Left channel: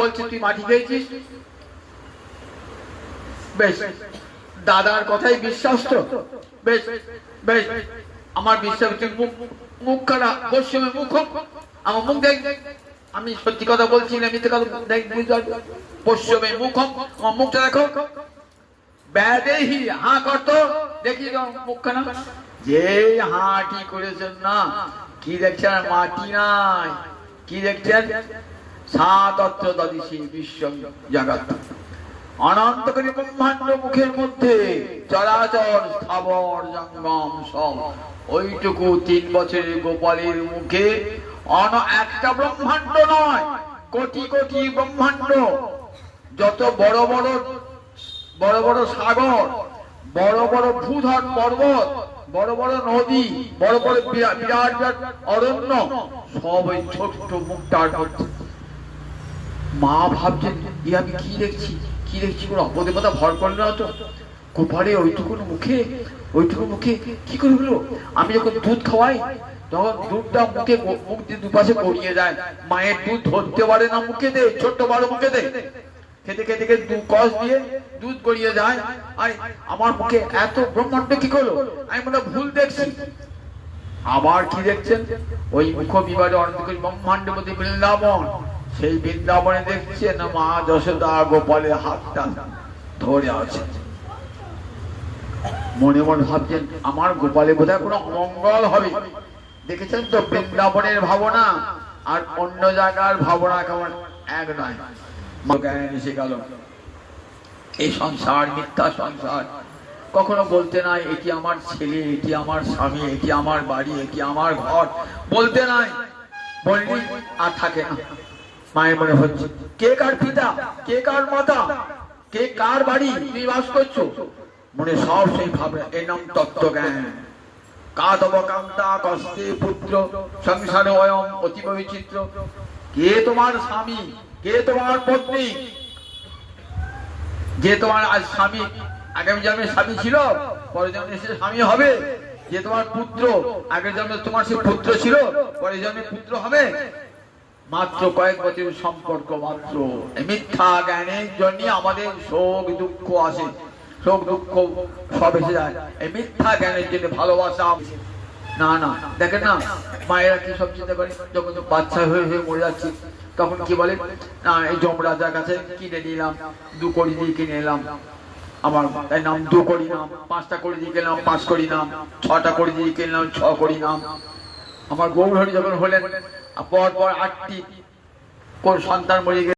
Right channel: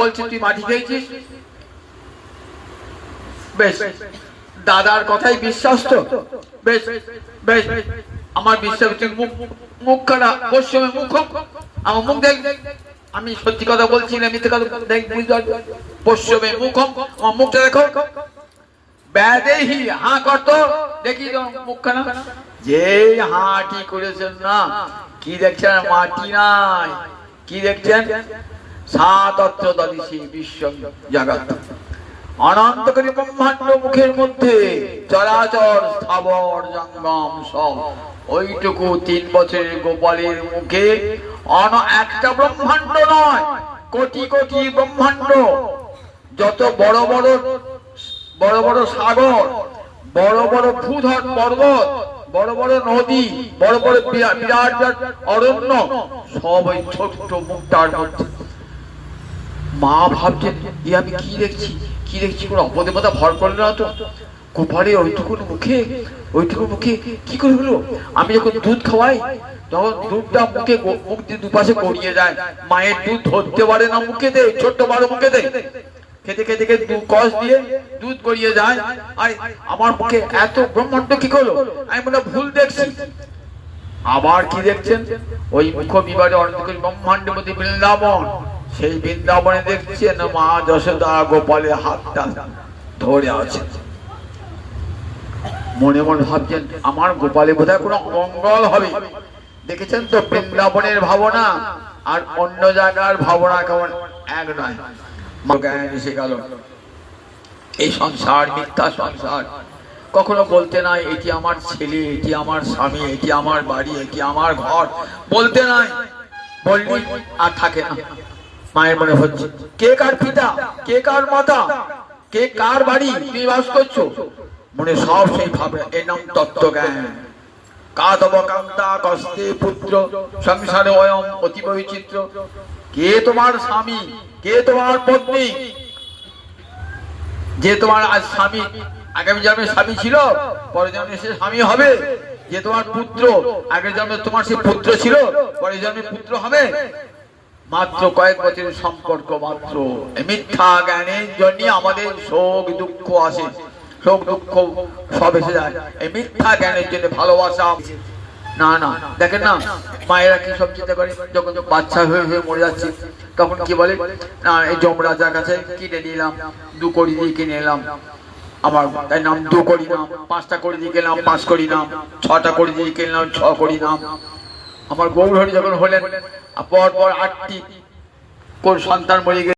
বলছি, তুই মাটি খেয়েছিস? বেশ, দাদার কথাই বিশ্বাস তো? বেশ বেশ, আমার বিশ্বাস মুখ খারাপ পশ্চিমে মুখ আমার মুখ দেখ। আমি সত্যি কথা বলছি না, মিথ্যে কথা দেখ পশ্চিমে মুখ আমার মুখটা দেখো। ব্যাদেহি হাঁ করতো। দেখি মুখখানা। যে হাঁটি করেছেন না, কি দেখছেন? মাটি নাই। কি দেখছেন? ব্রহ্মাণ্ড মুখের মধ্যে স্থাবর জঙ্গম সব ওইটুকু তিন বছরের গোপালের মুখে একটা ব্রহ্মাণ্ড নয়, কোটি কোটি ব্রহ্মাণ্ড। যত বড় বড় বড় বড় সাগর, বড় বড় ভূধর পর্বত, বড় বড় নদী, বড় বড় বিরা- বিরাট বিরাট অরণ্য সব ওই ছোট্ট মুখটার মধ্যে। মা ভাবছেন এ আমি কি দেখছি? কি দেখছি? কোনো অপদেবতা ভর করল না তো? গোপালে ওইটুকু মুখে ওইটুকু মুখে কি করে হলো? আমি যখন দুধ খাওয়াই, তখন দুধটা মুখে মুখ দিয়ে দুপাশে গড়িয়ে যায়। মায়ের দুধ ধরতে পারে না মুখে দে ছোট্ট বড় মুখে দে খেতে খেতে খেতে দু কষ দিয়ে দুধ গড়িয়ে যায়। আর, আমার মুখে এত ব্রহ্মাণ্ড কি করল? আমি মনে ভুল দেখছি। আবার কি দেখছেন? ওই মুখ বিবাদে অনন্তকারী ব্রহ্মাণ্ডের মধ্যে বৃন্দাবন। সেই বৃন্দাবনে দেখছেন মা যশোদা গোপালের হাতটা ধরে আছে। মনে মনে ভাবছেন, আমার গোপালে বোধহয় কোনো মঙ্গল হবে। দেখেছেন তো, বৃন্দাবনের ভাবনা আর অন্য জায়গার ভাবনা কেমন? এক নয়। এসে গেল। এই সংসার, মিথ্যা সংসার, কখনো বলতে নাই, এটি আমার ছেলে, এটি আমার স্বামী, এটি আমার বাড়ি, এটি আমার ঘর। বলতে নাই বললি আর থাকে না। মায়ের মনে হচ্ছে। কে কার পিতা? কে কার মাতা? কে কার বাড়ি? তুমি বাস করছ? মনে সব সেই ভাবনা। এর নাম তত্ত্ব জ্ঞান। কস্তে পুত্র সংসারে অয়ম কে তোমার স্বামী? কে তোমার পত্নী? যে তোমার আজ স্বামী আগামী জন্মে স্বামী ছিল, পরের জন্মে সে স্বামী হবে। যে তোমার পুত্র, আগের জন্মে তোমার সে পুত্র ছিল, পরের জন্মে পুত্র হবে। মাত্র কয়েক বছরের সম্পর্ক, মাত্র। মিথ্যা জ্ঞানের জন্য আমাদের শোক, দুঃখ আসে। শোক, দুঃখ সব এসে যায়। এই মিথ্যা জ্ঞানের জন্য ভালোবাসা। না না, দেখেন না, মায়েরা কি সব চিন্তা করে? যখন বাচ্চা হয়ে হয়ে মরে যাচ্ছে, তখন কি বলে? না, এই যমরাজার কাছে কিনে নিলাম দু কড়ি দিয়ে কিনে এলাম। আমার তাই নাম দু করি নাম, পাঁচটা করে দিয়ে কিনলাম পাঁচ করি নাম, ছটা করে দিয়ে কিনলাম ছ করি নাম। আমার গৌরহরি যখন হলেন পর পর আটটি কোন সন্তান মরে